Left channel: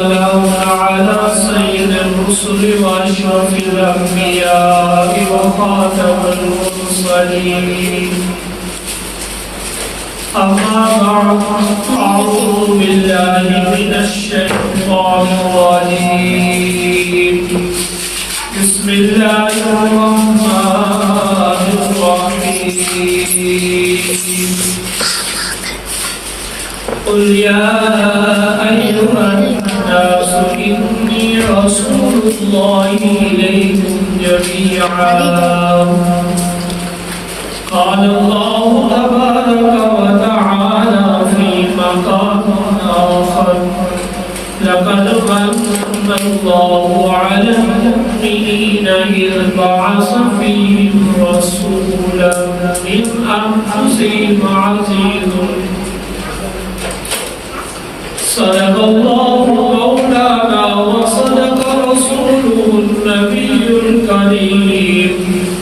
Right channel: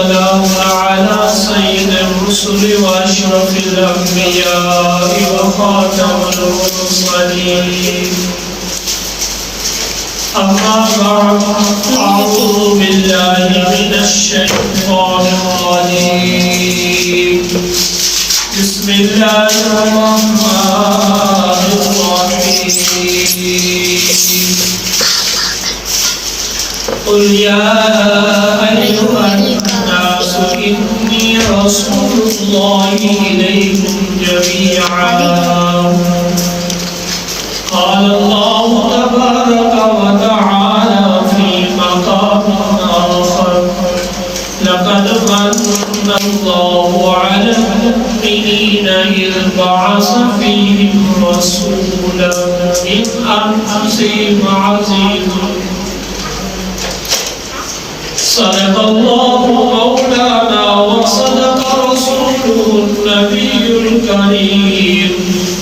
السلام على سيد الرسل وأشرف الأنبياء وخاتم المرسلين. أما بعد، أعوذ بالله من الشيطان الرجيم. بسم الله الرحمن الرحيم. قل يا أيها الناس إني رسول الله إليكم جميعا. قال الله تبارك وتعالى في مقام آخر: لقد من الله على المؤمنين إذ بعث فيهم رسولا من أنفسهم عزيز. صدق الله مولانا وصدق رسوله النبي الكريم،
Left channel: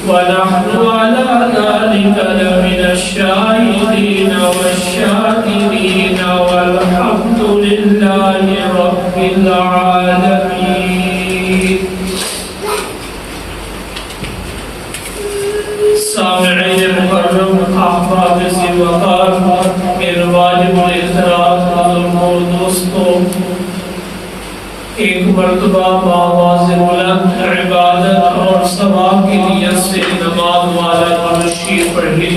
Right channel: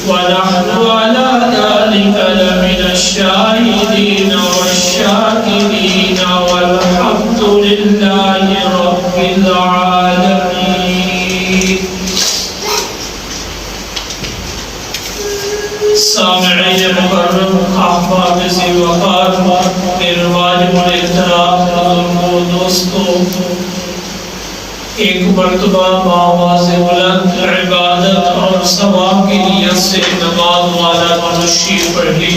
ونحن على ذلك لمن الشاهدين والشاكرين، والحمد لله رب العالمين. سامعین مکرم، احباب سے وقار، میرے واجب الاحترام اور دوستوں، ایک مرتبہ بآواز بلند عبادت اور ثواب کی نیت سے نماز والا تشریف پڑھی.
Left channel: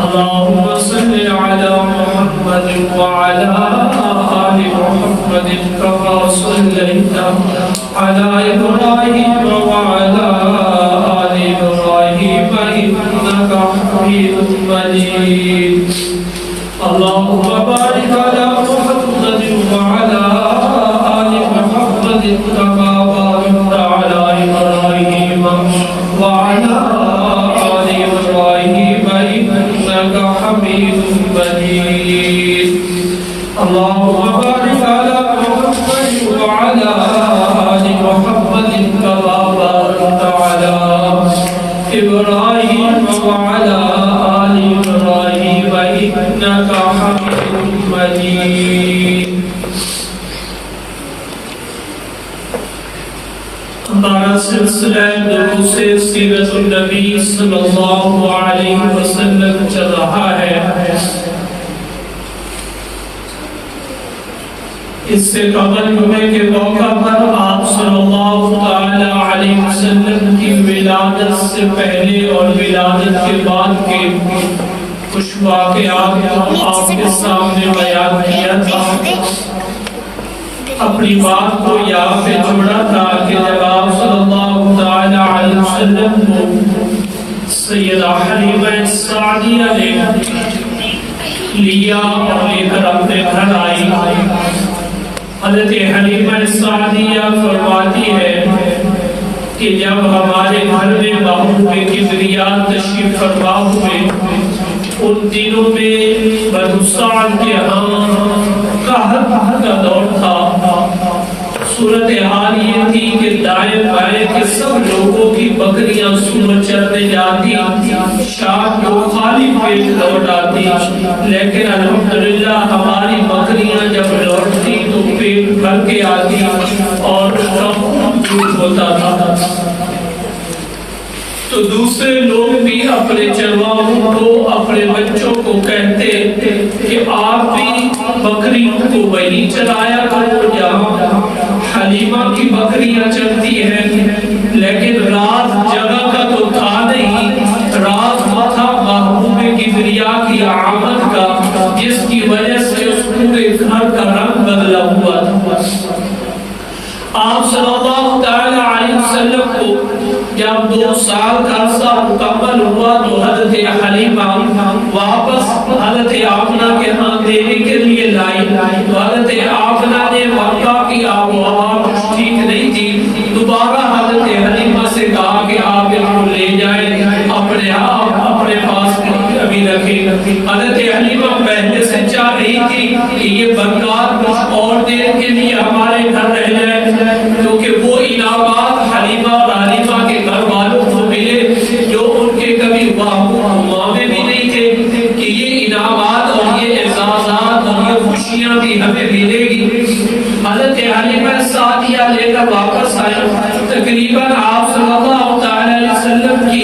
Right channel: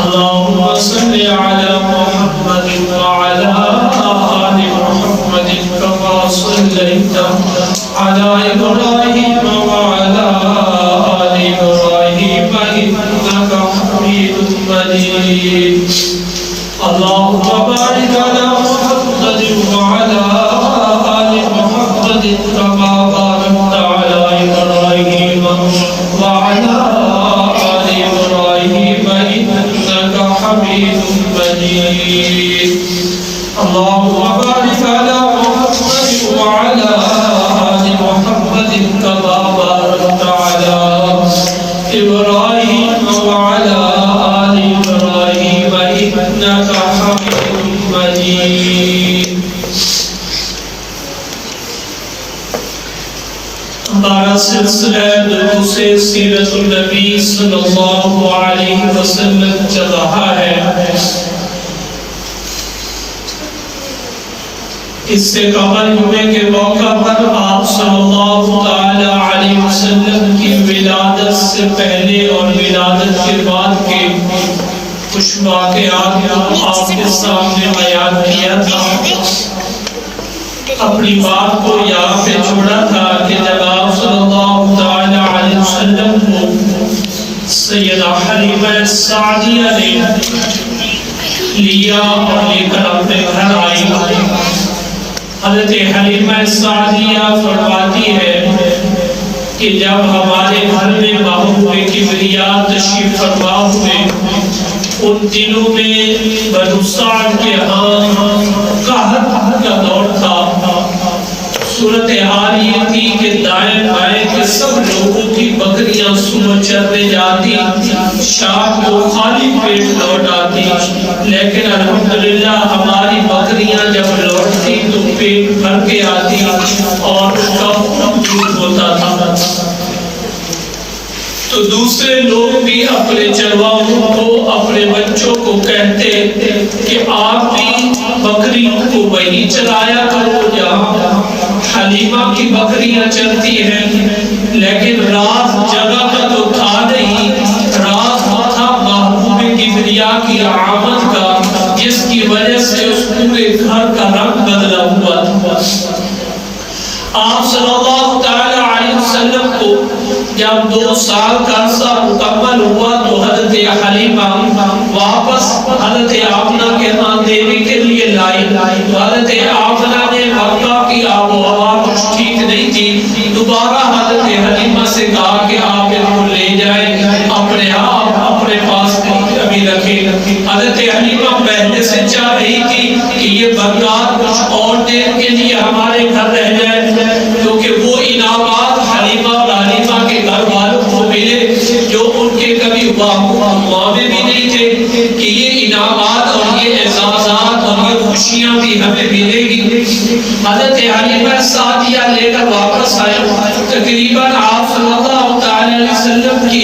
اللہم صلی علی محمد وعلی آل محمد کما صلیت علی ابراہیم وعلی آل ابراہیم انک حمید مجید. اللہم بارک علی محمد وعلی آل محمد کما بارکت علی ابراہیم وعلی آل ابراہیم انک حمید مجید. اللہم بارک علی محمد وعلی آل محمد کما بارکت علی ابراہیم وعلی آل ابراہیم انک حمید مجید. ہمارا سلسلہ دروس سیرت النبی صلی اللہ علیہ وسلم چل رہا ہے. اس سے قبل جمعے کے موقع پر آپ صلی اللہ تعالی علیہ وسلم کی ولادت سے پہلے اور ولادت کے بعد کے کچھ واقعات آپ کے سامنے بیان کیا تھا. اپنی بات کو یہاں پہ چھوڑا تھا کہ جب آپ صلی اللہ تعالی علیہ وسلم کو سیدہ حلیمہ سعدیہ نے لیا اور لے کر اپنے گھر آئی، حضرت حلیمہ سعدیہ فرماتی ہے کہ جب ہمارے گھر میں محبوب کبریا تشریف فرما ہوئے، ان دنوں میں بنو سعد کے ہاں قحط کا دور تھا. صورتحال یہ تھی کہ دائیں بائیں کے سب لوگوں کی بکریاں صبح چرنے جاتی، شام کو خالی پیٹ لوٹ آتی، لیکن الحمدللہ ہماری بکریاں جب لوٹتی تو پیٹ بھر کے آتی اور ان کا خون دور ہوتا تھا. تو دوسرے لوگ بھی اپنے چرواہوں کو، اپنے بچوں کو کہتے کہ آپ بھی بکریوں کو وہی چرایا کرو جہاں حلیمہ کی بکریاں چرتی ہیں. لیکن راز جگہ کا تو تھا نہیں، راز تھا محبوب کبریا کی آمد کا، جس کی وجہ سے اس پورے گھر کا رنگ بدلا ہوا تھا. آپ صلی اللہ تعالی علیہ وسلم کو جب 2 سال کا عرصہ مکمل ہوا تو حضرت حلیمہ واپس حضرت آمنہ کے ہاں دینے کے لیے لائی. تو حضرت آمنہ نے مکہ کی آب و ہوا کچھ ٹھیک نہیں تھی، دوبارہ حضرت حلیمہ سے کہا کہ آپ ان کو لے جائیں، اپنے آپ اپنے پاس ابھی رکھیں. حضرت حلیمہ پہلے سے چاہ رہی تھی کہ یہ برکات کچھ اور دیر کے لیے ہمارے گھر رہ جائے، کیونکہ وہ انعامات حلیمہ اور حلیمہ کے گھر والوں کو ملے جو ان کے کبھی واقع میں بھی نہیں تھے، کہ یہ انعامات اور یہ اعزازات اور یہ خوشیاں بھی ہمیں ملے گی۔ حضرت حلیمہ سعدیہ لے کر واپس آئے، تقریباً آپ صلی اللہ تعالی علیہ وسلم کی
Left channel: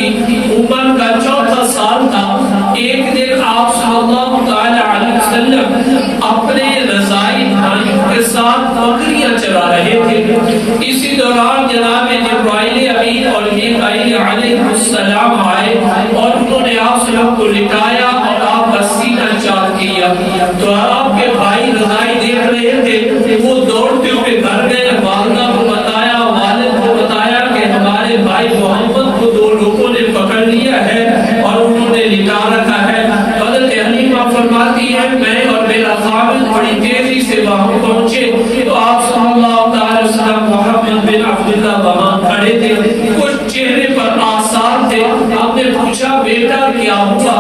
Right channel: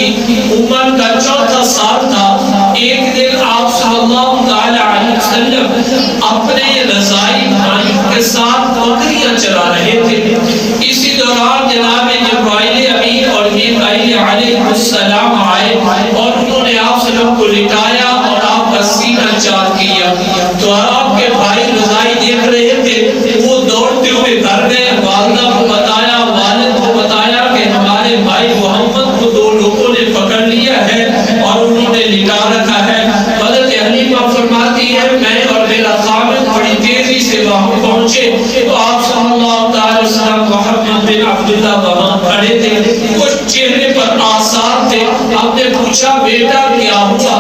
عمر کا 4تھا سال تھا۔ ایک دن آپ صلی اللہ تعالی علیہ وسلم اپنے رضائی بھائیوں کے ساتھ بکریاں چرا رہے تھے۔ اسی دوران جناب جبرائیل امین اور میکائیل علیہ السلام آئے اور انہوں نے آپ صلی اللہ علیہ وسلم کو لٹایا اور آپ کا سینہ چاک کیا۔ تو آپ کے بھائی رضائی دیکھ رہے تھے، وہ دوڑتے ہوئے گھر گئے، والدہ کو بتایا، والد کو بتایا کہ ہمارے بھائی محمد کو 2 لوگوں نے پکڑ لیا ہے اور انہوں نے لٹا رکھا ہے۔ حضرت حلیمہ فرماتی ہے میں اور میرا خاوند بڑی تیزی سے وہاں پہنچے تو آپ صلی اللہ تعالی وسلم محمد بن عبداللہ وہاں کھڑے تھے، کچھ چہرے پر آثار تھے۔ ہم نے پوچھا بیٹا کیا ہوا؟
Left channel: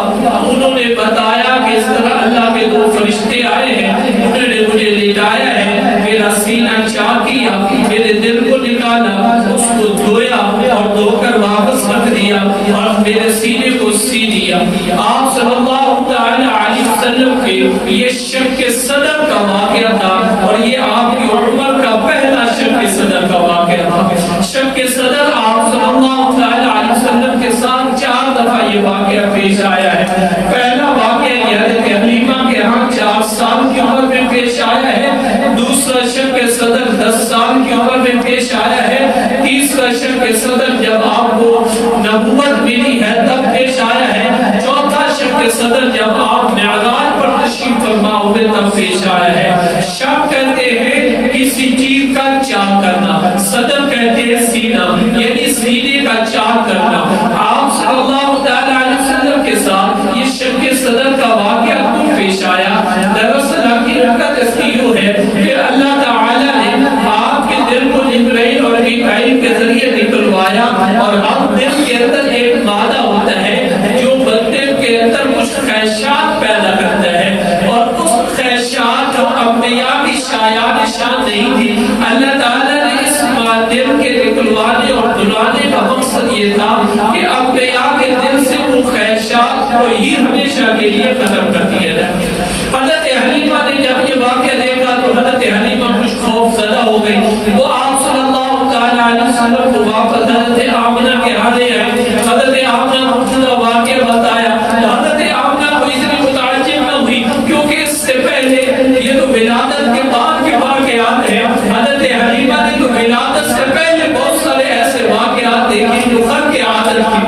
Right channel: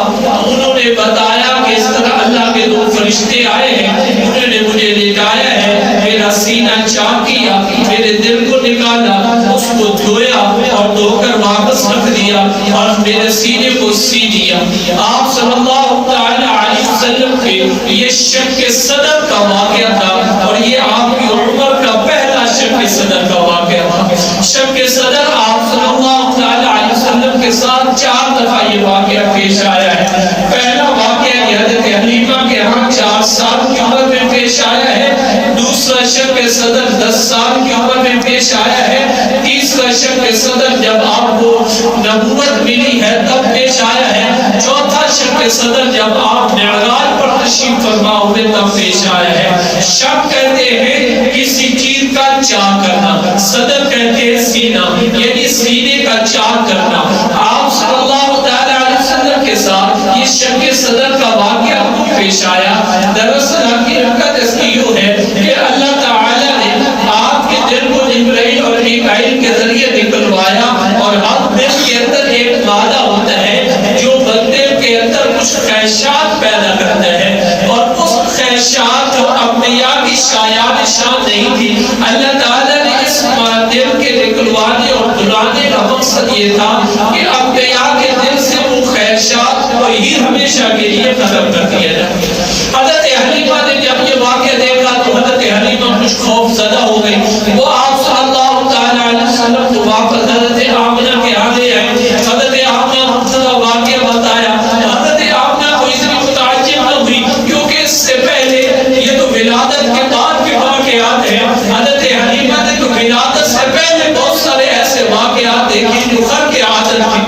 انہوں نے بتایا کہ اس طرح اللہ کے 2 فرشتے آئے ہیں، انہوں نے مجھے لٹایا ہے، میرا سینہ چاک کیا، میرے دل کو نکالا، اس کو دھویا اور دھو کر واپس رکھ دیا اور میرے سینے کو سی دیا۔ آپ صلی اللہ تعالی علیہ وسلم کے یہ شق صدر کا واقعہ تھا اور یہ آپ کی عمر کا پہلا شق صدر کا واقعہ تھا۔ شق صدر آپ صلی اللہ تعالی علیہ وسلم کے ساتھ 4 دفعہ یہ واقعہ پیش آیا ہے۔ پہلا واقعہ یہ حضرت حلیمہ کے ہاں 4 سال کی عمر میں پیش آیا ہے۔ دوسرا شق صدر 10 سال کی عمر میں پیش آیا ہے۔ تیسرا شق صدر جب آپ کو نبوت ملی ہے تب پیش آیا ہے۔ چوتھا شق صدر جب آپ معراج پر تشریف فرما ہوئے تب پیش آیا ہے۔ شق کہتے ہیں کسی چیز کا چاک کرنا، صدر کہتے ہیں سینہ، یعنی سینے کا چاک کرنا۔ آپ صلی اللہ تعالی علیہ وسلم کے ساتھ یہ شق صدر کا واقعہ کیوں پیش آیا؟ دراصل حقیقت اس کی یوں ہے کہ اللہ تعالی نے آپ کے دل کو جبرائیل اور میکائیل کے ذریعے نکلوایا اور اب دل کے اندر ایک مادہ ہوتا ہے جو بندے کے اندر کچھ خواہشات پیدا کرتا ہے، اور اس خواہشات جو انبیاء کی شایان شان نہیں تھی، اللہ تعالی نے اس دل کے نکلوانے اور دلانے کا مقصد یہ تھا کہ انبیاء کے دل سے وہ خواہشات کو ہی ہمیشہ کے لیے ختم کر دیا جائے۔ حضرت حلیمہ نے جب یہ واقعہ دیکھا تو حضرت حلیمہ کچھ خوف زدہ ہو گئی۔ وہ آپ صلی اللہ تعالی علیہ وسلم کو واپس حضرت آمنہ کے آنے آئے۔ حضرت آمنہ کو پورا واقعہ بتایا۔ حضرت آمنہ کو اس لیے متعجب نہ ہوئی کیونکہ اس سے پہلے یہ تو ولادت کے بعد کے واقعات ہیں۔ حضرت حلیمہ نے تو ولادت سے پہلے بہت سارے ایسے واقعات دیکھے جو خرق عادت تھی،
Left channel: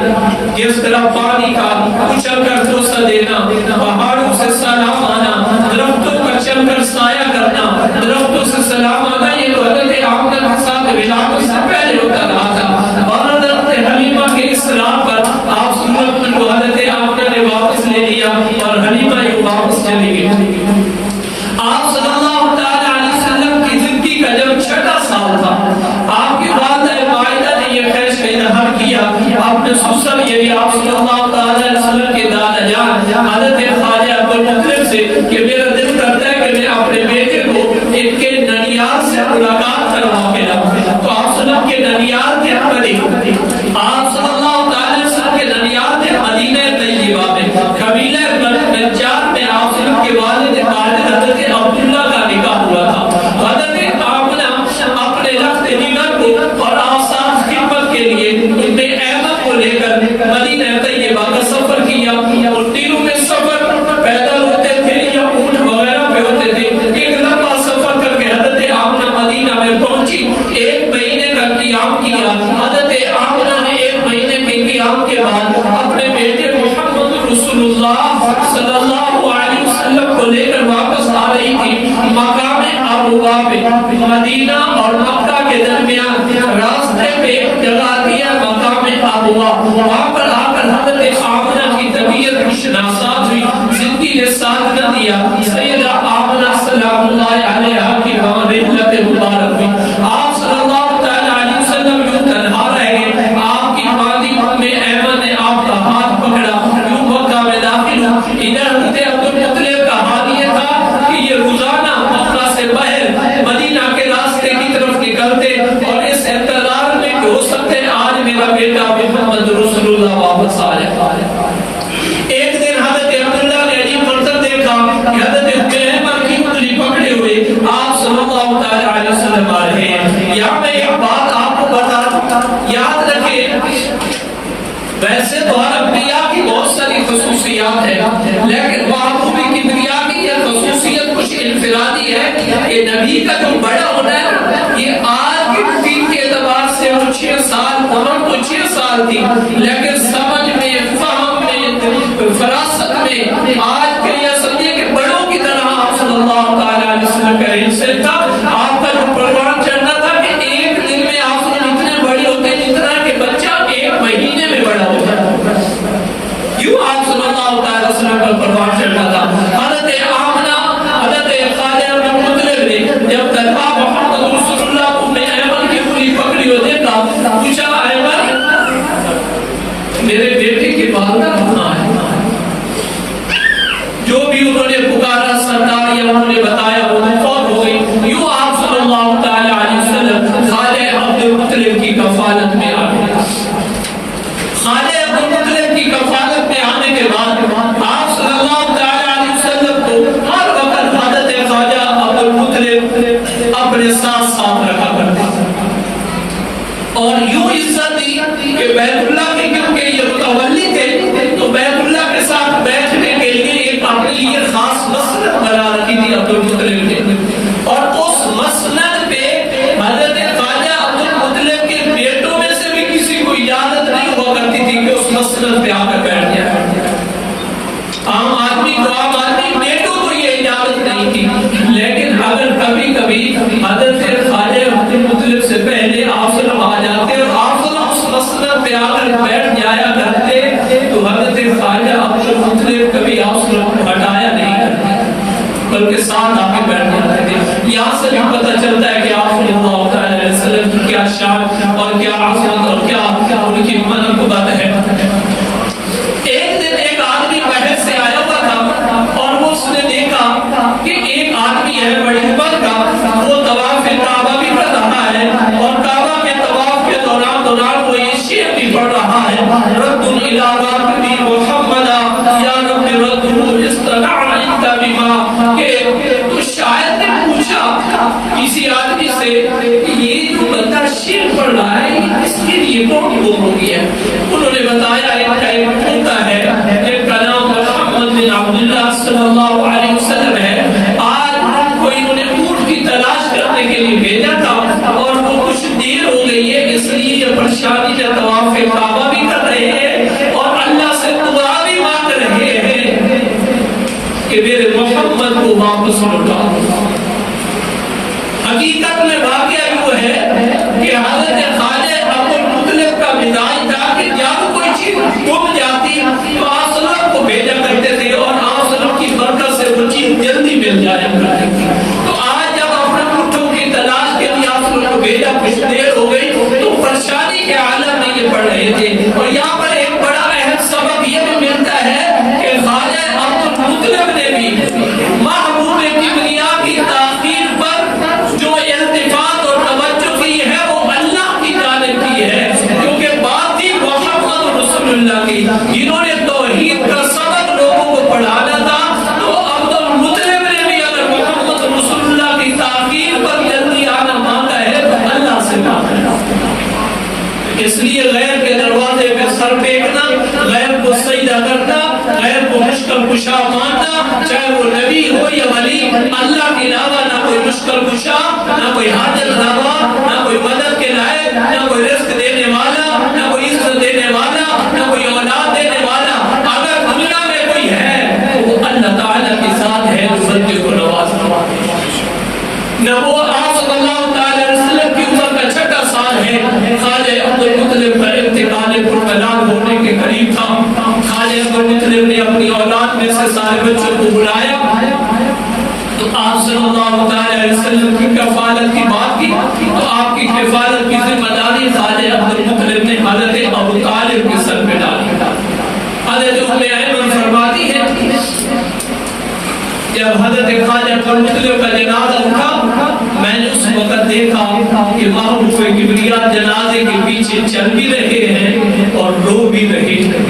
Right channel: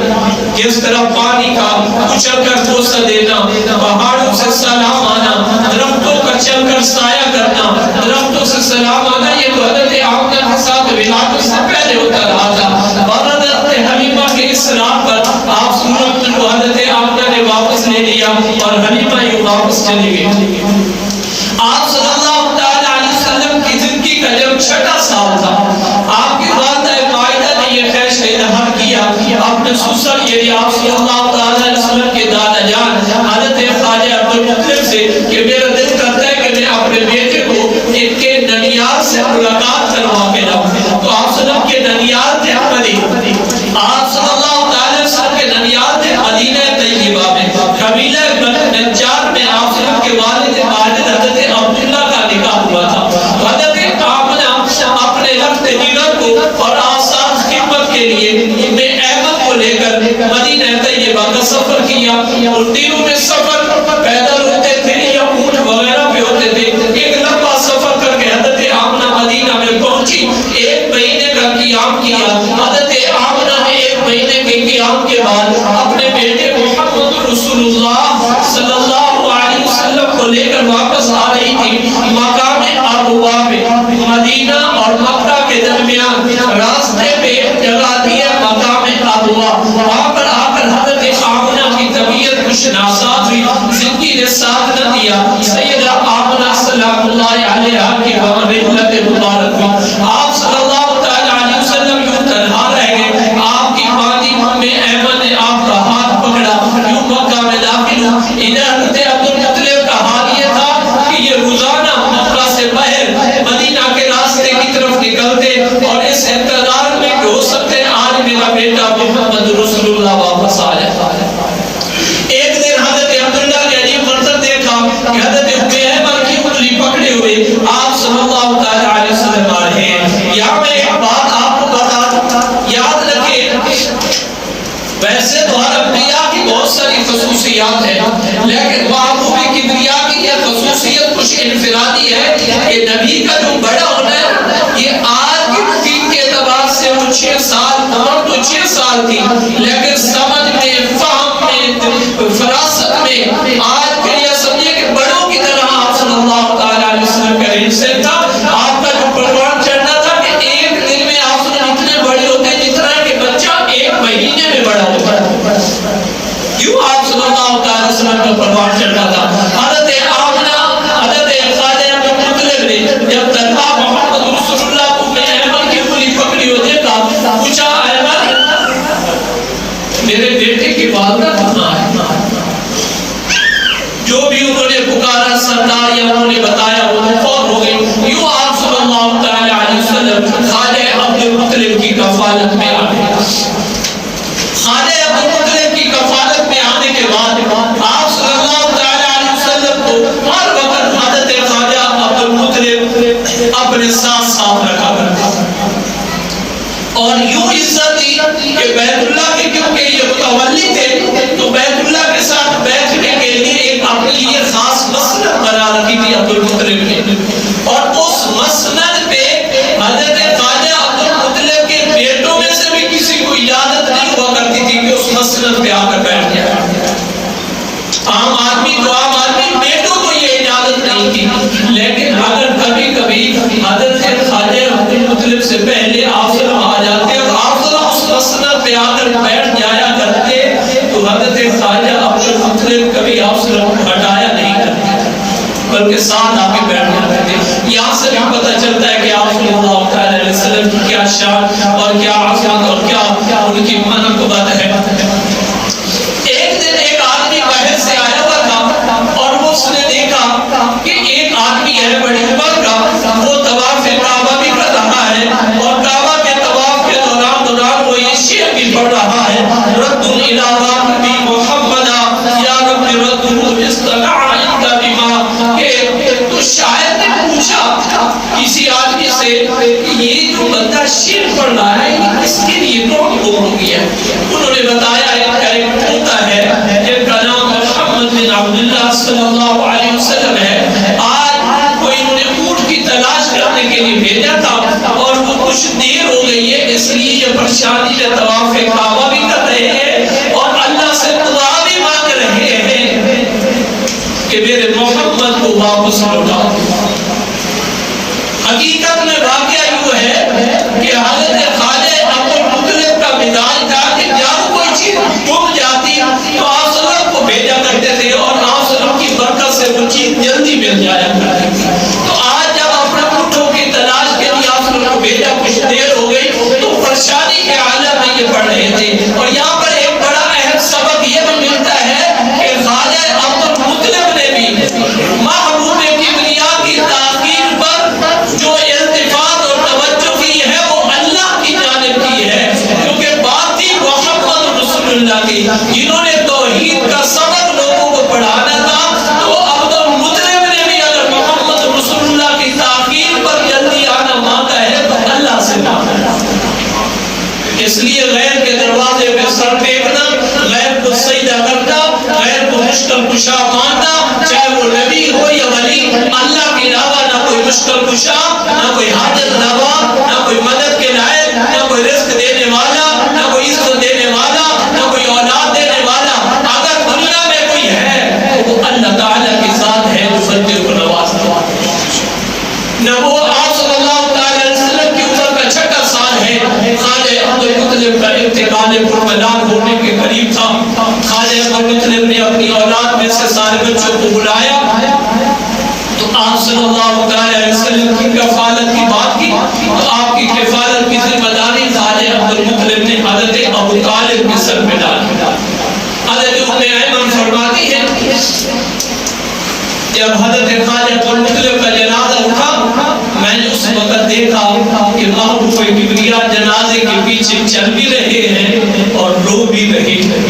جس طرح پانی کا اچھل کر بوسہ دینا، پہاڑوں سے سلام آنا، درختوں کا چل کر سایہ کرنا، درختوں سے سلام آنا، یہ تو حضرت آمنہ کے ساتھ ولادت سے پہلے ہوتا رہا تھا۔ اور حضرت حلیمہ کے اصرار پر آپ سورت کو حضرت آمنہ نے واپس لے لیا اور حلیمہ یہ واپس چلی گئی۔ آپ صلی اللہ تعالی علیہ وسلم کی زندگی کا جب 6واں سال تھا، آپ کی والدہ مائدہ نے یہ خواہش کا اظہار کیا اپنے سسر یعنی آپ صلی اللہ تعالی علیہ وسلم کے دادا جان حضرت خواجہ عبدالمطلب سے کہ میرا دل کرتا ہے کہ میں اپنے بیٹے کو ان کے ننیال سے ملاقات کروا کے لاؤں۔ تو آپ صلی اللہ کے ننیال تھے مدینہ، آپ صلی اللہ تعالی علیہ وسلم کے ننیال تھے مدینہ طیبہ میں، قبیلہ نجار میں آپ صلی اللہ کے والد ماجد حضرت عبداللہ کا نکاح ہوا تھا۔ حضرت آمنہ اپنے رخت جگر کو اور آسان خدمت کے لیے ام ایمن کو لے کر مدینہ طیبہ کا سفر کیا، اور دنوں میں سفر پیدل ہوتے تھے یا اونٹ وغیرہ پہ ہوتے تھے۔ ایک لمبا سفر کر کے حضرت آمنہ مدینہ میں پہنچی، 1 مہینے کا قیام کیا۔ حضرت آمنہ نے 1 مہینے کے قیام کے بعد اپنے بیٹے محمد رسول اللہ صلی اللہ علیہ وسلم کو لے کر واپس آ رہی تھی۔ مقام ابوا پہ مدینہ اور مکہ کے درمیان راستے پہ ایک جگہ دی ہے مقام ابوا، وہاں پر آ کر حضرت آمنہ کی طبیعت کچھ ناساز ہوئی، زندگی نے ساتھ نہ دیا۔ سیدہ آمنہ سلام اللہ علیہا کی وہاں رحلت مبارک ہوئی۔ آپ صلی اللہ تعالی علیہ وسلم یوں تنہا رہ گئے، آپ کی والدی ام ایمن نے آپ کا ہاتھ پکڑا، یوں مکہ میں داخل ہو۔ ادھر حضرت عبدالمطلب کا حال یہ تھا کہ یہ روزانہ مکہ سے باہر مدینہ کے راستے کی طرف نکلتے اور اس انتظار میں کہ ہو سکتے آج میرا بیٹا محمد رسول اللہ واپس آ جائے۔ ایک دن حضرت عبداللہ نے عجیب منظر دیکھا کہ حضرت ام ایمن کی انگلی آپ صلی اللہ تعالی علیہ وسلم آ رہے ہیں۔ یہاں میں ایک بات آپ کو بتا دوں، یاد رکھیں ویسے تو ہر انبیاء کی بہت ساری خصوصیات ہیں، لیکن محبوب کبریا کی یہ خصوصیت کچھ انفرادی ہے کہ نبی کا جو بڑا ہونا ہے، یہ آج کی روٹین کے اعتبار سے وہ 6 سال عمر تو 6 سال تھی، لیکن سمجھ میں، فہم میں، فراست میں آج کے یہ سمجھے کہ بڑوں کی طرح آپ صلی اللہ تعالی علیہ وسلم کا رئیس تھا۔ آپ کا جو پروان چڑھنا تھا کہ ایک دن میں آپ صلی اللہ اتنے بڑے ہوتے جتنا کہ بچہ 1 مہینے میں بڑا ہوتا ہے، کیوں آپ صلی اللہ تعالی وسلم کا پروان چڑھنا تھا۔ حضرت آمنہ، حضرت خواجہ بن مطلب نے جب دربار محمد رسول اللہ کو میں ایمن کی پوری پکڑی ہو دیکھا، پوچھا ایمن میرے بیٹے کی والدہ کہاں ہے؟ جو بھی انہوں نے پکارا سردار یا انہوں نے بتایا وہ فوت ہو گئی۔ یوں آپ صلی اللہ تعالی علیہ وسلم خواجہ عبد المطلب کی کفالت میں آ گئے۔ خواجہ عبد المطلب کی کفالت میں آنے کے بعد آپ صلی اللہ تعالی علیہ وسلم کو ہر وقت حضرت خواجہ عبد المطلب اپنے ساتھ ساتھ رکھا کرتے اور یوں عزت دی کہ بیت اللہ کے کیونکہ یہ متولی تھے تو بیت اللہ کے ساتھ بیٹھنے کے لیے ایک اپنے لیے خاص مسند بنا رکھی تھی عبد المطلب نے، اور اس مسند پہ حضرت خواجہ عبد المطلب کے بیٹوں میں سے بھی کسی کو اجازت نہیں ہوا کرتی تھی کہ اس مسند پہ آ کر بیٹھ جائے۔ عام آدمی بیٹوں کو یہ اجازت نہیں تھی، لیکن اگر کبھی کبھی حضرت خواجہ عبد المطلب سے پہلے آپ صلی اللہ آ جاتے اور آپ صلی اللہ اس مسند پہ آ کر بیٹھ جایا کرتے تو حضرت خواجہ عبد المطلب کبھی آپ صلی اللہ کو ہٹایا نہیں کرتے بلکہ ساتھ آ کے بیٹھ جاتے تھے۔ یہاں سے بھی پتہ چلتا ہے کہ آپ صلی اللہ تعالی علیہ وسلم کی کیا شان اور کیا عظمت اور کیا ان کی منقبت ہے۔ ایک دن ایک آدمی بحر سے آیا ہوا تھا اور اس نے دیکھا کہ ایک آدمی ہے بڑی عمر کا، وہ طواف کعبہ بھی کر رہا ہے اور کعبہ کے طواف کے دوران وہ یہ شعر بھی پڑھ رہا ہے، رد الی راکبی محمد یا رب رد استطاع انت بما، کہ تو شاید نے پوچھا کسی آدمی سے کہ یہ جو بندہ شعر پڑھ رہا ہے یہ اس کے لیے کون گم ہو گیا؟ انہوں نے بتایا ان کا ایک ہوتا ہے جن کا نام محمد بن عبداللہ صلی اللہ علیہ وسلم ہے، آج کوئی انہوں نے اونٹ کی تلاش کرنے کے لیے بھیجا تھا اور وہ کچھ دیر ہو گئی ہے اس لیے یہ پریشانی میں طواف کعبہ بھی کر رہے ہیں اور اللہ سے دعا بھی مانگ رہے ہیں کہ میرے محمد کو واپس لوٹا۔ حقیقت میں واقعہ یوں ہے کہ حضرت خواجہ عبد المطلب کا مزاج تھا کہ جب کوئی چیز گم جاتی تو آپ صلی اللہ علیہ وسلم کو بھیجا کرتے تھے اور آپ صلی اللہ علیہ وسلم کی برکت سے وہ چیز جلدی مل جایا کرتی تھی۔ تو آج جب اپنے اونٹوں کی تلاش کے لیے آپ صلی اللہ علیہ وسلم کو بھیجا کچھ دیر ہو گئی تو پریشانی کے عالم میں یہ پڑھ رہے تھے، اور یہاں پر ایک بڑا اہم سبق یہ بھی ملتا ہے کہ خواجہ عبد المطلب نے بھی محبوب کبریا کی تاخیر پر جو التفات اور توجہ کی ہے وہ اللہ کی جانب کی ہے، کیونکہ بات تھی محمد رسول اللہ کی، جنہوں نے توحید کا سبق لوگوں کو پڑھانا تھا، تو عبد المطلب نے بھی اگر محمد رسول اللہ کی تاخیر پر جلدی آنا مانگا ہے تو اللہ سے مانگا ہے۔ اس لیے غیر کے دروازے پہ سر پھینکنا، غیر کو سجدہ کرنا، غیر کو مشکل کشا ماننا، چاہے وہ نبی ہو یا ولی، اللہ کے علاوہ نہ کوئی مشکل کشا، نہ کوئی حاجت روا، نہ کوئی مدد کے لائق، نہ کوئی رزق دینے والا، نہ کوئی عزت دینے والا، نہ کوئی اولاد دینے والا۔ اگر دنیا میں کوئی ہے تو وہ اللہ تعالیٰ کے ساتھ ہے جو بندے کو نوازتا ہے۔ نہ وہ آپ صلی اللہ تعالی علیہ وسلم کی عمر کا 6 سال ہے، خواجہ عبد المطلب کا انتقال پرملال ہونے کے قریب تھا۔ خواجہ عبد المطلب نے اپنی اولاد میں سے سارے بچوں کو بلایا تو آپ صلی اللہ تعالی علیہ وسلم کی کفالت کی بات کی تو آپ کی کفالت کی ذمہ داری خواجہ عبد المطلب نے حضرت ابو طالب کے سر پہ ڈالی۔ حضرت ام ایمن فرماتی ہے جب حضرت خواجہ عبد المطلب کا جنازہ اٹھا میں نے اس وقت دیکھا کہ محبوب کبریا جنازے کے پیچھے چل بھی رہے ہیں اور رو بھی رہے ہیں،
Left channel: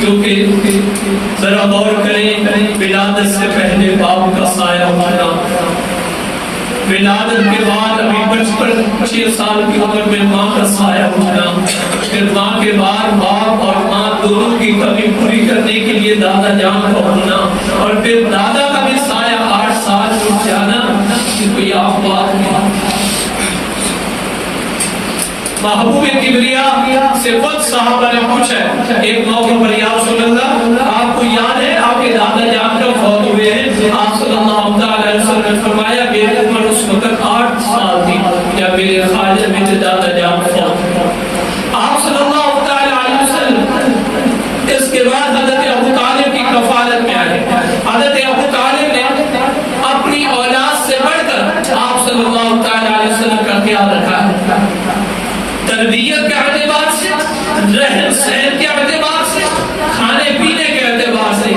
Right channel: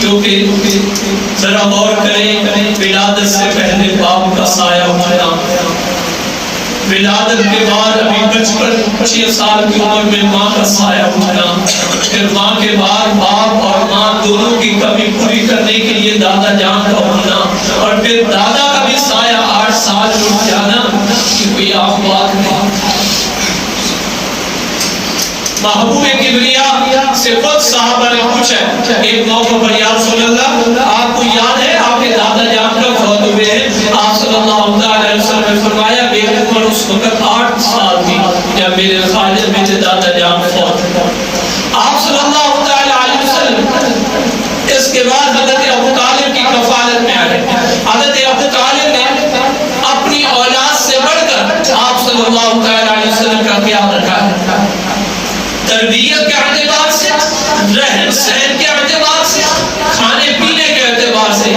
کیونکہ ذرا غور کریں ولادت سے پہلے باپ کا سایہ ہونا ولادت کے بعد ابھی 55 سال کی عمر میں ماں کا سایہ اٹھنا، پھر ماں کے بعد باپ اور ماں دونوں کی کمی پوری کرنے کے لیے دادا جان کا ہونا، اور پھر دادا کا بھی سایہ 8 سال اٹھ جانا، کہ کوئی عام بات نہیں۔ محبوب کبریا سے خود صحابہ نے پوچھا ایک موقع پر، یا رسول اللہ آپ کو یاد ہے آپ کے دادا جان کا فوت ہوئے ہیں؟ آپ صلی اللہ علیہ وسلم نے فرمایا میری عمر اس وقت 8 سال تھی جب میرے خالد میرے دادا جان فوت ہوئے۔ آپ صلی اللہ علیہ وسلم اس کے بعد حضرت ابو طالب کی کفالت میں آئے۔ حضرت ابو طالب نے اپنی اولاد سے بڑھ کر آپ صلی اللہ علیہ وسلم کا خیال رکھا ہے، تربیت کے اعتبار سے، رہن سہن کے اعتبار سے، کھانے پینے کے اعتبار سے،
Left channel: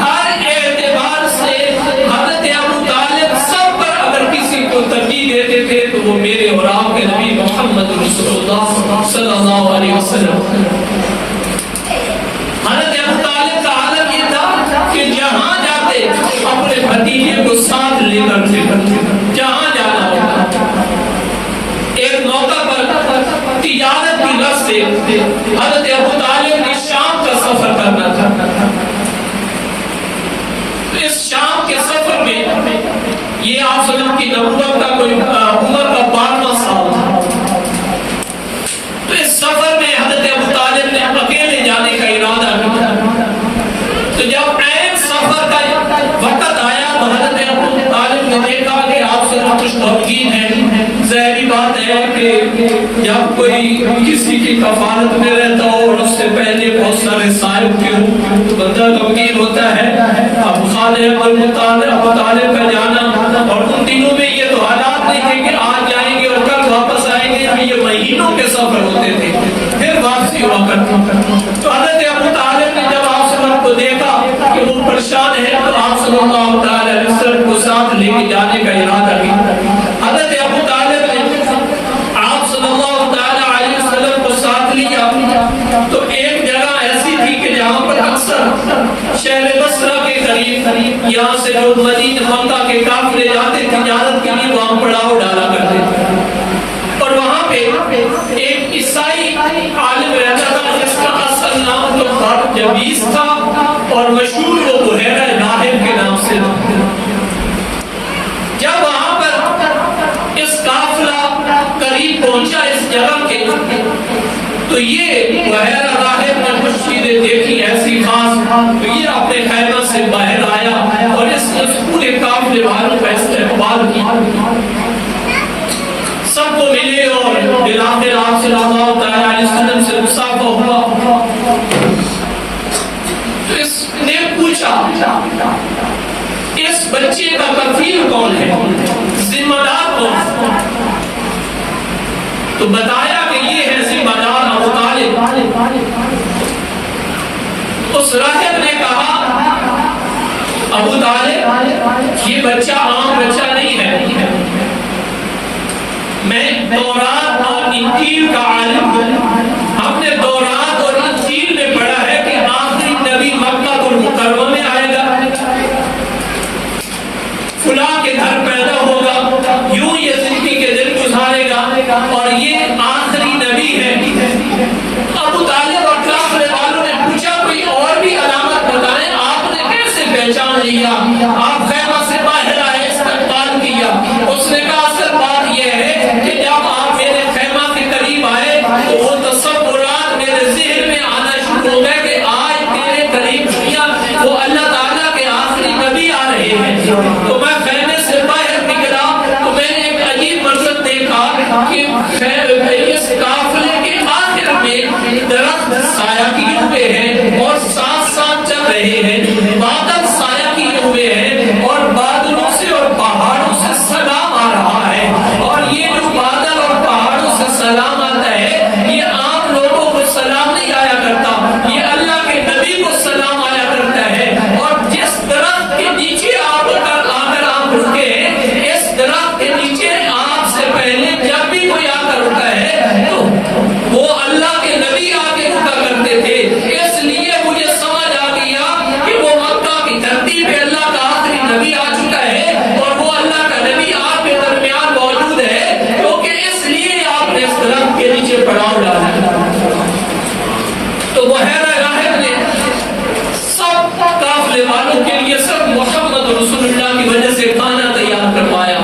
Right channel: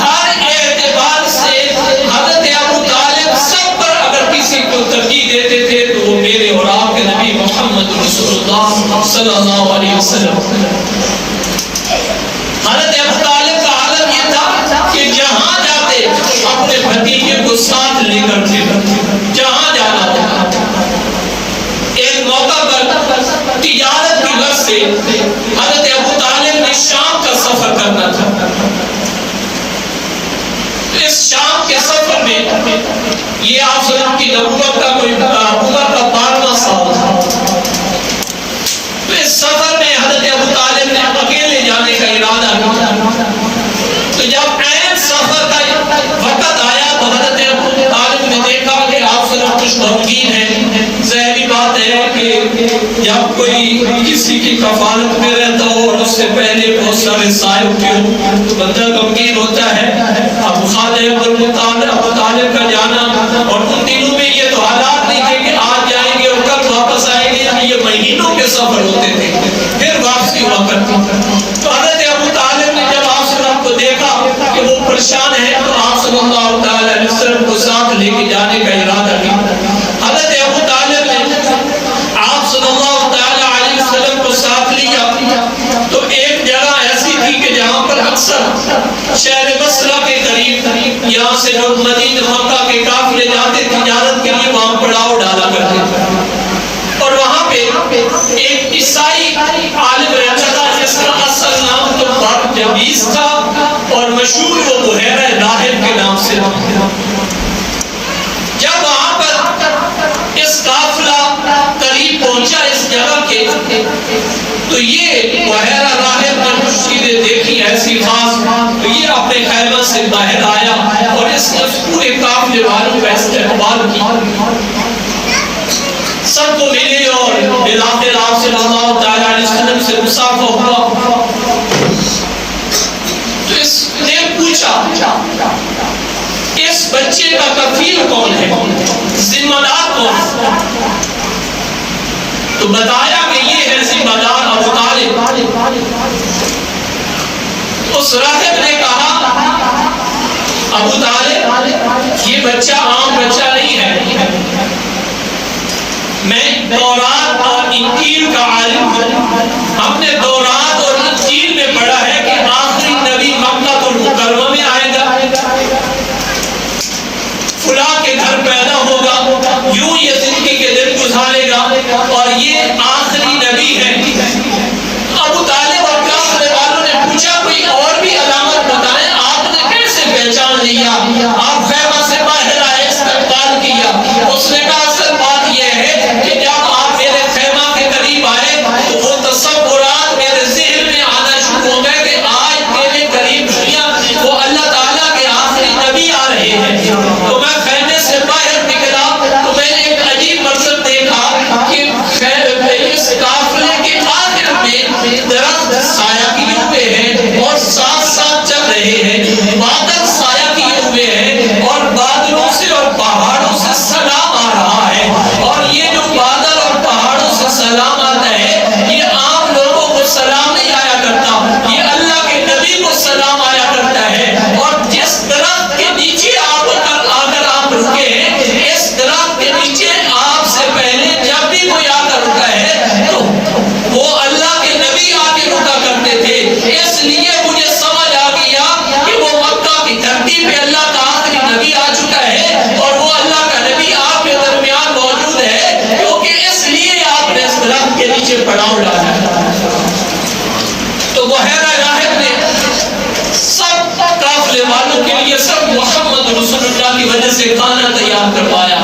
ہر اعتبار سے حضرت ابو طالب سب پر اگر کسی کو ترجیح دیتے تھے تو وہ میرے اور آپ کے نبی محمد رسول اللہ صلی اللہ علیہ وسلم۔ حضرت ابو طالب کا عالم یہ تھا کہ جہاں جاتے اپنے بھتیجے کو ساتھ لے کر تھے، جہاں جانا ہوتا۔ ایک موقع پر تجارت کی غرض سے حضرت ابو طالب نے شام کا سفر کرنا تھا۔ اس شام کے سفر میں یہ آپ صلی اللہ علیہ وسلم کی نبوت کا کوئی عمر کا 12واں سال تھا۔ تو اس سفر میں حضرت ابو طالب نے اکیلے جانے کا ارادہ کیا۔ تو جب عین سفر کا وقت آیا تو حضرت ابو طالب نے دیکھا کہ آپ صلی اللہ علیہ وسلم کچھ غمگین ہیں۔ ظاہری بات ہے کہ جب کوئی کسی کی کفالت میں رہتا ہو اور اس سے پہلے بہت سارے سائے اٹھے ہوں تو بندہ غمگین ہوتا ہے۔ ابو طالب کا جانا، اور ان دنوں میں یہ تو حالات نہیں تھے کہ آج جائیں گے اور کل واپس آئیں گے، یہ مہینوں کے سفر ہوتے تھے، پھر واپسی ہوا کرتی۔ تو حضرت ابو طالب نے جب آپ صلی اللہ علیہ وسلم کو دیکھا کہ وہ پریشان ہے تو آپ صلی اللہ علیہ وسلم کو ساتھ لے کے جانے کا ارادہ کیا۔ حضرت ابو طالب نے آپ صلی اللہ علیہ وسلم کو ساتھ لیا تو ایک جگہ ایسی تھی کہ جہاں پر اکثر شہر بصرہ کے قریب یہاں سے جو مدینہ مکہ کے قافلے جاتے تجارت کے لیے وہاں پڑاؤ ڈالا کرتے تھے، اور وہاں پہ ایک عیسائی عالم رہتا تھا جس کا اصل نام تو بارجبیس تھا اور مشہور وہ بحیرہ راہب کے نام سے تھا۔ جب وہاں پر اس قافلہ قریب پہنچا اس جگہ کے تو یہ بحیرہ راہب نے کچھ چیزیں دیکھی ایسی خاص، تو یہ اپنے خیمہ سے باہر آیا اور اس نے پورے قافلے والوں کا استقبال کیا، سب کو ملے اور بلاخر آپ صلی اللہ علیہ وسلم سے مصافحہ ہوا۔ تو اس نے پوچھا اس بچے کا کفیل کون ہے، ذمہ دار کون ہے؟ تو بتایا کہ یہ ہے ذمہ دار ابو طالب۔ اس راہب نے کہا ابو طالب یہ بچہ عام بچہ نہیں ہے، میں تورات اور انجیل کا عالم ہوں، ہم نے تورات اور انجیل میں پڑھا ہے کہ آخری نبی مکہ المکرمہ میں آئے گا، فلاں کے گھر پیدا ہوگا، یوں یہ زندگی کے دن گزارے گا اور یہ آخری نبی ہے۔ ابو طالب اور قافلے والوں نے پوچھا کوئی اور بھی علامت بتائیں، آپ نے کیسے پہچان لیا؟ آپ خیمہ سے باہر آئے، استقبال کیا۔ اس نے کہا اصل بات یہ ہے کہ جب آپ میرے خیمہ کے قریب آئے تو وہ تصور والوں کے لیے صرف محمد رسول اللہ کی وجہ سے کھانا تیار کروایا۔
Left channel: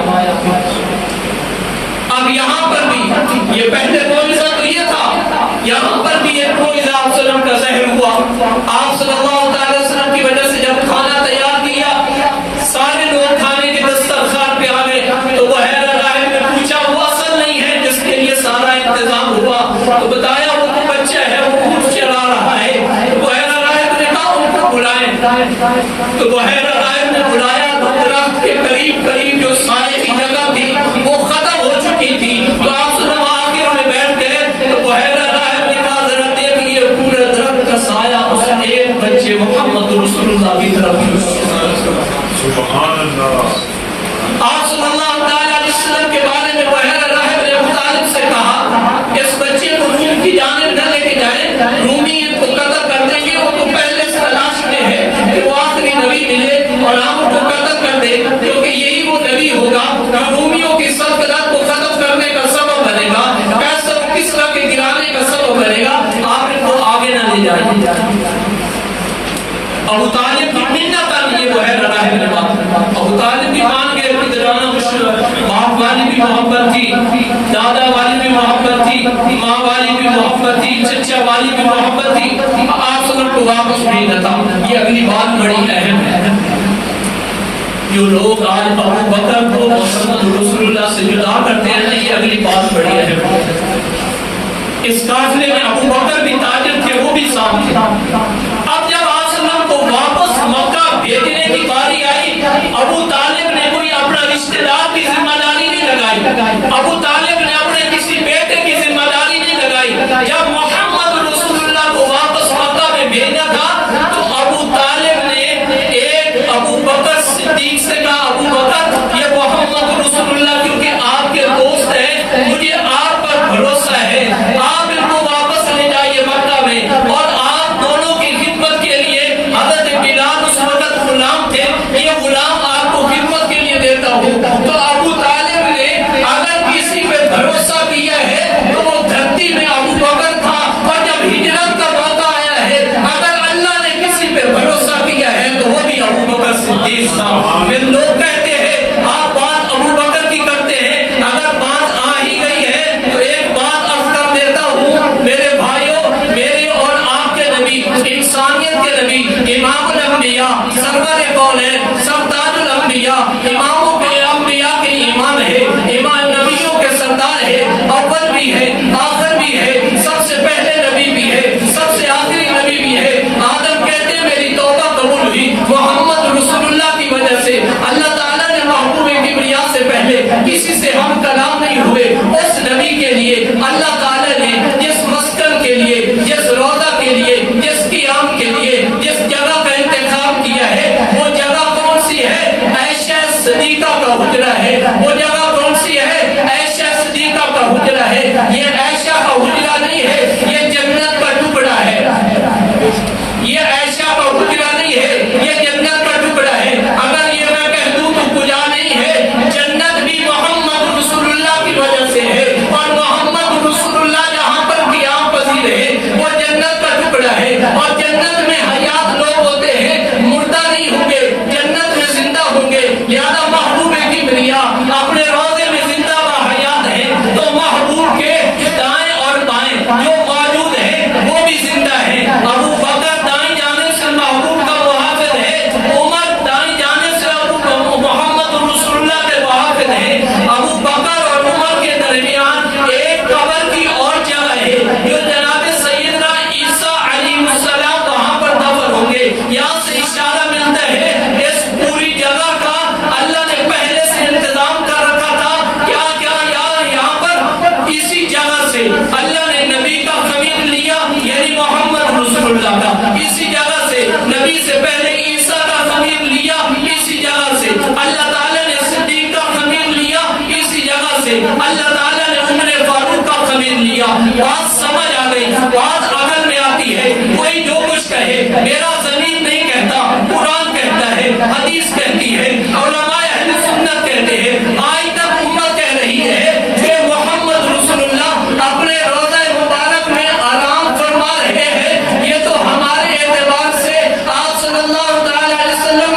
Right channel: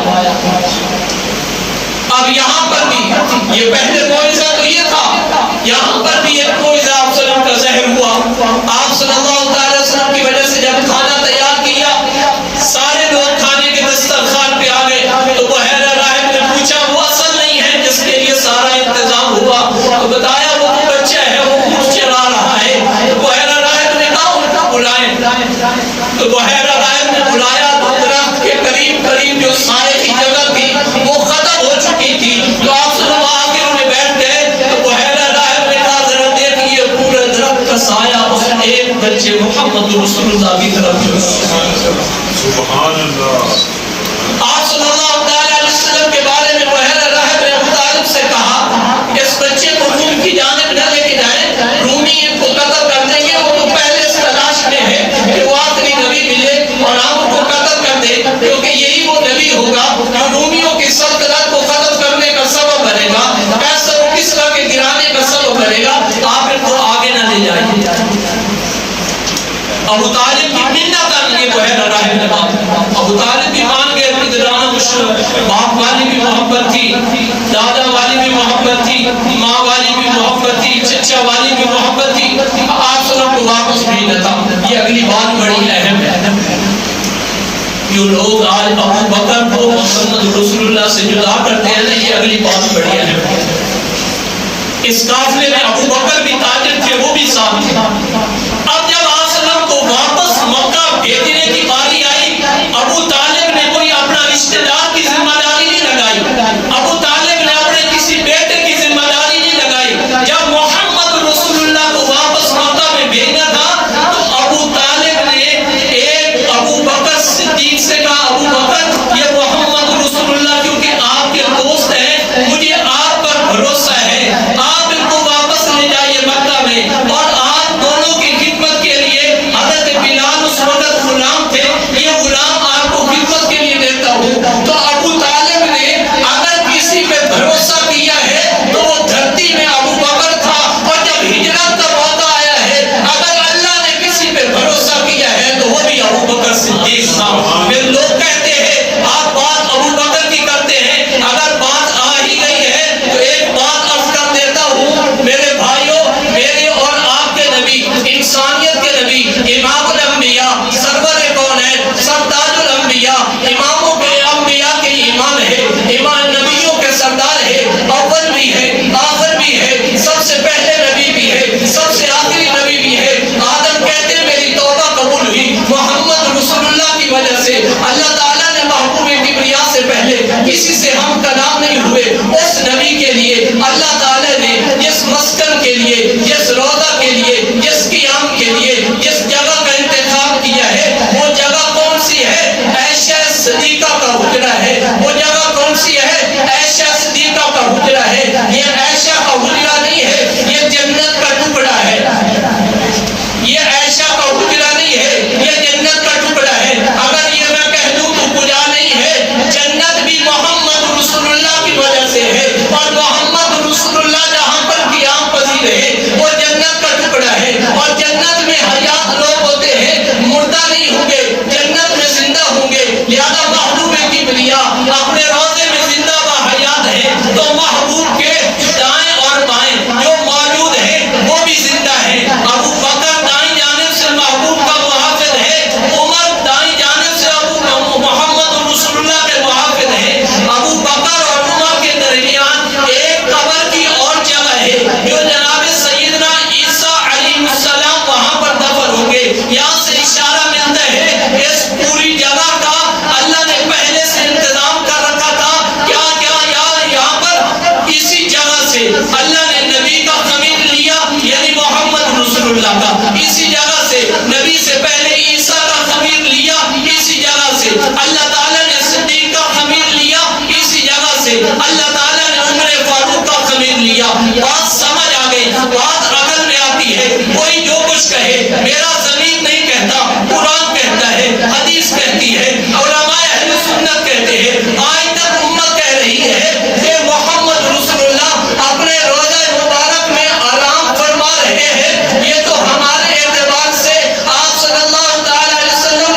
اب یہاں پر بھی یہ پہلے معجزہ تو یہ تھا، یہاں پر بھی ایک معجزہ آپ صلی اللہ علیہ وسلم کا ظاہر ہوا۔ آپ صلی اللہ علیہ وسلم کی وجہ سے جب کھانا تیار کیا، سارے لوگ کھانے کے دسترخوان پہ آ گئے، تو بحیرہ راہب نے پوچھا وہ اصل نہیں ہے جس کے لیے سارا انتظام ہوا؟ تو بتایا وہ تو بچہ ہے، وہ اونٹ چلا رہا ہے۔ تو بحیرہ راہب نے کہا ان کو بلائیں۔ تو بحیرہ راہب نے بلایا تو درخت کے قریب قریب جو سائے کی جگہ تھی وہ ختم ہو چکی تھی۔ تو آپ صلی اللہ علیہ وسلم بیٹھ گئے، تو بحیرہ راہب نے کہا ذرا دیکھیے پورے درخت کا سایہ اس ایک بچے محمد رسول اللہ کی طرف جھکا۔ سبحان اللہ۔ آپ صلی اللہ علیہ وسلم کے بارے میں بحیرہ راہب نے ابو طالب سے کہا اس بچے کو روم کی جانب نہ لے کے جائیں، رومی ان کو قتل کر دیں گے، وہ تو پہلے اس تلاش میں ہے کہ وہ آخری نبی ملے اور آپ ان کو قتل کر دیں، کیونکہ یہی وہ نبی ہوگا جو رومیوں کی سلطنت کو ختم کرنے کا سبب بنے گا، کیسر و کسریٰ کے گرانے کا سبب بنے گا، آپ ان کو آگے نہ لے جائیے۔ ابو طالب کی منت آن یہ بحیرہ راہب نے بات، ابو طالب بھی مان گئے، پدرانہ باپ والی بھی محبت تھی، دادا والی بھی محبت تھی، ماں والی بھی محبت تھی، چچا والی بھی محبت تھی، آپ سب کو واپس بھیجنا تھا۔ یہ اگلی بات بڑی اہم ہے، جو لوگ آج ابو بکر کو محمد رسول اللہ سے جدا کرتے ہیں نا، یہ اگلی بات بڑی اہم ہے۔ اس قافلے میں ابو بکر بھی تاجر تھے، وہ بھی ساتھ تھے۔ اب جب آپ کو واپس مکہ بھیجنے کی باری آئی، ابو طالب نے کوئی اپنا رشتہ دار کی ذمہ داری نہیں لگائی، ابو طالب نے اپنے کسی بیٹے کی ذمہ داری نہیں لگائی۔ جب محمد رسول اللہ کو واپس مکہ میں بھیجنا تھا تو ابو طالب نے ایک ابو بکر صدیق سے کہا ابو بکر یہ محمد رسول اللہ کیونکہ آپ کے دوست ہیں، مجھے آپ پر بھروسہ ہے، آپ ان کو واپس لے جائیے مکہ میں، اور آپ دونوں کی خدمت کے لیے حضرت بلال اس وقت غلام تھے، یہ غلام آپ کو خدمت کے لیے دیتا ہوں۔ تو ابو طالب نے اگر کسی پہ بھروسہ کیا ہے تو وہ دھرتی میں ابو بکر تھا، اور جب ہجرت کا موقع آیا ہے اگر اللہ نے کسی پہ بھروسہ کیا ہے تو وہ بھی ابو بکر صدیق تھا۔ پھر لوگ کہتے ہیں آپ بات ابو بکر کی کرتے ہیں، اگر بات آ ہی گئی ہے تو ایک بات عرض کر دیتا ہوں میرے بھائیوں، میرے اور آپ کے نبی، انسانیت کے نبی، امام الانبیاء، سرور کونین، سردار الانبیاء، اماموں کے انبیاء کے امام ہے، امام نبیوں کے سردار ہے، اول بھی ہے، آخر بھی ہے، سب سے پہلے نبی بھی ہے، سب سے آخری نبی بھی ہے۔ آدم کہتے ہیں میری توبہ قبول ہوئی محمد رسول اللہ کی وجہ سے۔ اللہ تعالیٰ نے محبوب کبریا سے پہلے کسی سے ہم کلام نہیں ہوئے، اس نبی کے لیے اللہ تعالیٰ نے جس مسکن کے لیے، جس روضہ کے لیے، جس قیام کے لیے جس جگہ کا انتخاب کیا ہے وہ جگہ کون سی ہے؟ عائشہ صدیقہ کا حجرہ ہے۔ وہ جگہ کون سی ہے؟ عائشہ صدیقہ کا حجرہ ہے۔ یہ عائشہ کا حجرہ نہیں ہے، یہ جنت کا ٹکڑا ہے۔ یہ عائشہ کا حجرہ نہیں ہے، یہ جنت کا ٹکڑا ہے۔ اگر یہ میں کہہ دوں تو گجا نہیں ہے، جنت بھی محمد رسول اللہ کی وجہ سے ہے، اور محمد رسول اللہ جہاں پر قیام پذیر ہے وہ جنت کا ٹکڑا ہے۔ اور جنت میں حیات لوگ ہوتے ہیں، مردہ نہیں ہوں گے، جنت میں زندہ ہوں گے، لہذا محبوب کبریا اپنے روضے میں زندہ و حیات ہیں، تو محبوب کے دائیں اور بائیں جو موجود ہیں وہ بھی زندہ ہیں۔ ابو بکر دائیں جانب سے محبوب کا محافظ ہے، عمر دائیں جانب سے محمد رسول اللہ کے محافظ ہیں۔ ابو بکر اور عمر کے درمیان ایک قبر کی اور جگہ ہے جو جناب سیدنا عیسیٰ علیہ السلام وہاں پر دفن ہوں گے۔ یہاں سے اشارہ ملتا ہے اس پوری جگہ کا اللہ نے پہلے سے انتظام کر رکھا تھا۔ کیا یہاں پر اسی جگہ سے اللہ نے نبی کا خمیر لیا، یعنی محمد رسول اللہ کا، اسی جگہ سے نبی سے پہلے عیسیٰ کا خمیر لیا، اسی جگہ سے اللہ تعالیٰ نے صدیق کا خمیر لیا، اسی جگہ سے اللہ تعالیٰ نے عمر فاروق کا خمیر لیا۔ بات سمجھ آ گئی، بات عقل میں آتی ہے۔ کوئی جو کچھ کہے، میرا ضمیر نہیں کہتا، قرآن کہتا ہے، حدیث کہتی ہے، علماء اہل سنت کہتے ہیں، آج تک امت کہہ رہی ہے کہ محمد رسول اللہ اپنے روضہ مبارک میں آرام فرما رہے ہیں۔ یہ تو ہمارے اعتبار سے آپ صلی اللہ علیہ وسلم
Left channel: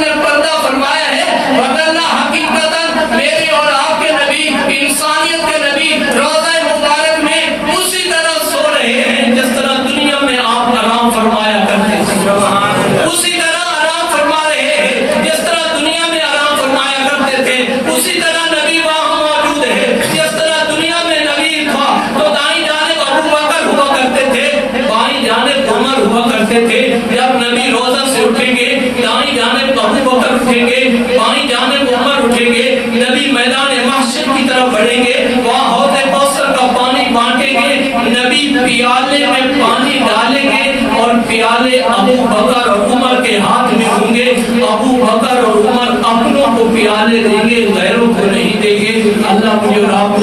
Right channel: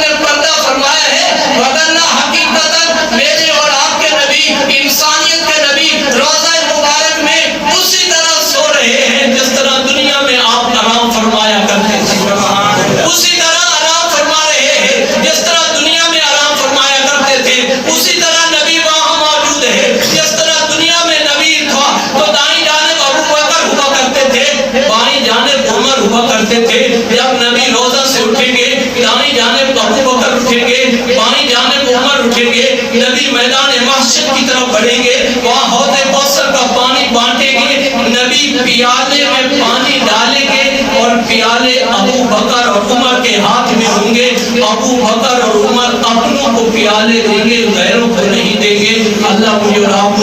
کرتے تھے جب نبی روزہ سے اٹھیں گے دائیں جانب ابو بکر اٹھیں گے بائیں جانب عمر اٹھیں گے نبی میدان محشر کی طرف بڑھیں گے وہاں حوض کوثر کا پانی بانٹیں گے نبی پیالے میں پانی ڈالیں گے اور پیالے ابو بکر اور عمر کے ہاتھ میں ہوں گے ابو بکر اور عمر اپنوں کو پیالے دیں گے غیروں کو نہیں دیں گے اللہ مجھے اور آپ